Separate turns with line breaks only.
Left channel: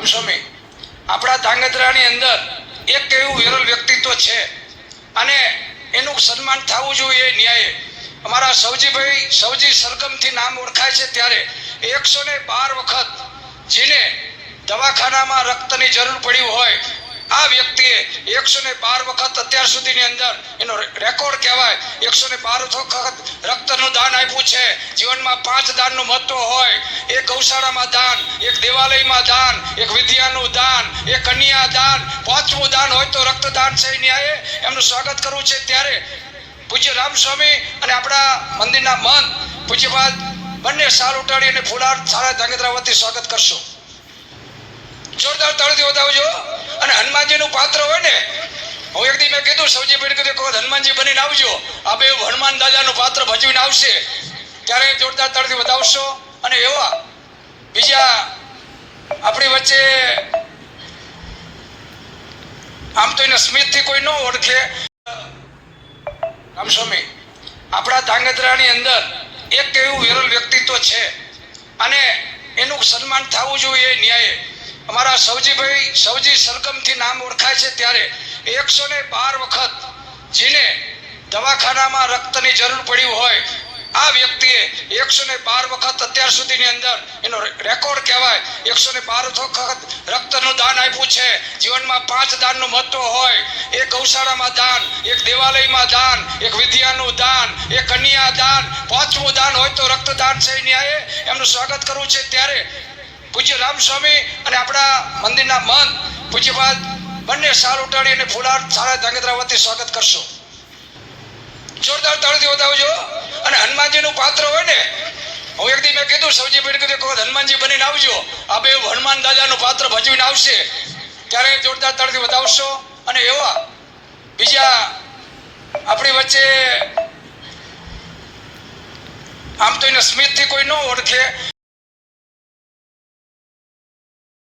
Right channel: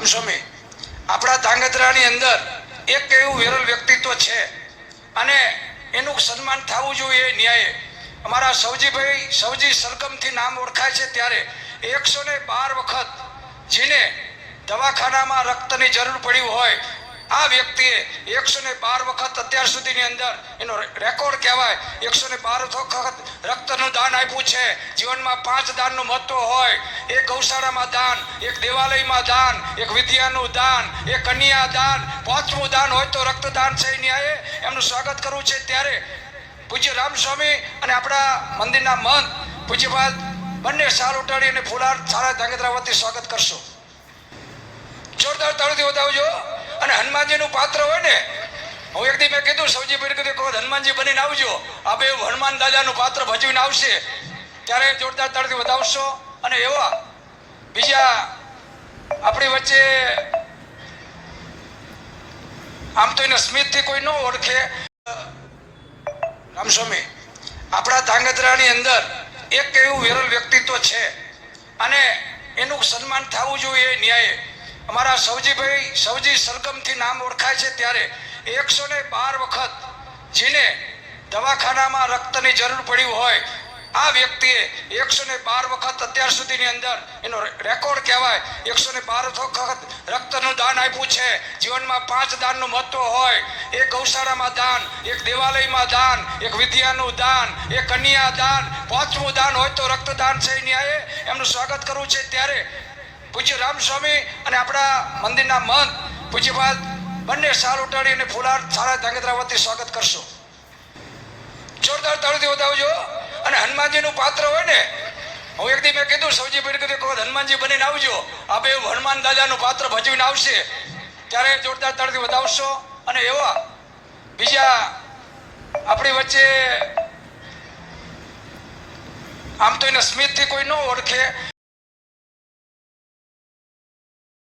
આમ સ્વામી, આપણા ધાંગધ્રાની અંદર એક એવું વિરલ વ્યક્તિત્વ છે. અને એનું સન્માન થવું જોઈએ ન્યાયે. અમારા સૌજીભાઈ સૌજી સરગમથી નામ ઓળખાય છે ત્યારે એકસો ને બાર વખત જેને દવાખાનામાં રક્તની જરૂર પડી હોય, આ વ્યક્તિએ એકસો ને બાર વખત અત્યાર સુધીની અંદર એનો રેકોર્ડ કહેવાય. એકસો ને બાર વખત રક્તનું દાન આપ્યું છે. જીવનમાં પાંચ દાનનું મહત્વ હોય. એ ગૌશાળામાં દાન દેવાલયમાં દાન, એક વિદ્યાનું દાન, એક કન્યા દાન, પાંચમું દાન હોય તો રક્તદાન છે ન્યાયે. એમનું સ્વાગત કરવું છે ત્યારે પૂજ્ય રામસ્વામી અને આપણા મંદિરના મન પૂજ્યપાદ બંને સાર ઉટાડી અને ફુલાર સારા ધાંગધ્રા વતી સ્વાગત કરશો. જોરદાર તાળીથી વધાવજો. અને હનુમાનજીનું પાત્ર હોય ને, હું એક દી મેં કીધું, સૌજી પેઢી કીધું કે હનુમાનજી બનીને આવજો. આ બે હનુમાન દાદાનું પાત્ર ભજવીને આવશે. ત્યારે જોરદાર તાળીથી વધાવશો. અને એવા બીજા આપણી વચ્ચે આમ તો એને સ્મિતથી કોઈ ન ઓળખે. આમ સ્વામી, આપણા ધાંગધ્રાની અંદર એક એવું વિરલ વ્યક્તિત્વ છે અને એનું સન્માન થવું જોઈએ ન્યાયે. અમારા સૌજીભાઈ સૌજી સરગમથી નામ ઓળખાય છે ત્યારે એકસો ને બાર વખત જેને દવાખાનામાં રક્તની જરૂર પડી હોય, આ વ્યક્તિએ એકસો ને બાર વખત અત્યાર સુધીની અંદર એનો રેકોર્ડ કહેવાય. એકસો ને બાર વખત રક્તનું દાન આપ્યું છે. જીવનમાં પાંચ દાનનું મહત્વ હોય. એક ગૌશાળામાં દાન, એક દેવાલયમાં દાન, એક વિદ્યાનું દાન, એક કન્યા દાન, પાંચમું દાન હોય તો રક્તદાન છે ન્યાયે. એમનું સ્વાગત કરવું છે ત્યારે પૂજ્ય રામસ્વામી અને આપણા મંદિરના મન પૂજ્યપાદ બંને સાર ઉટાડી અને ફુલાર સારા ધાંગધ્રા વતી સ્વાગત કરશો. જોરદાર તાળીથી વધાવજો. અને હનુમાનજીનું પાત્ર હોય ને હું મેં કીધું સૌજી ભાઈ કીધું, કોઈ હનુમાનજી બનીને આવજો. આ બે હનુમાન દાદાનું પાત્ર ભજવીને આવશે. ત્યારે જોરદાર તળથી બતાવશો અને એવા બીજા આપણી વચ્ચે આમ તો એને સ્મિતથી કોઈ ન ઓળખે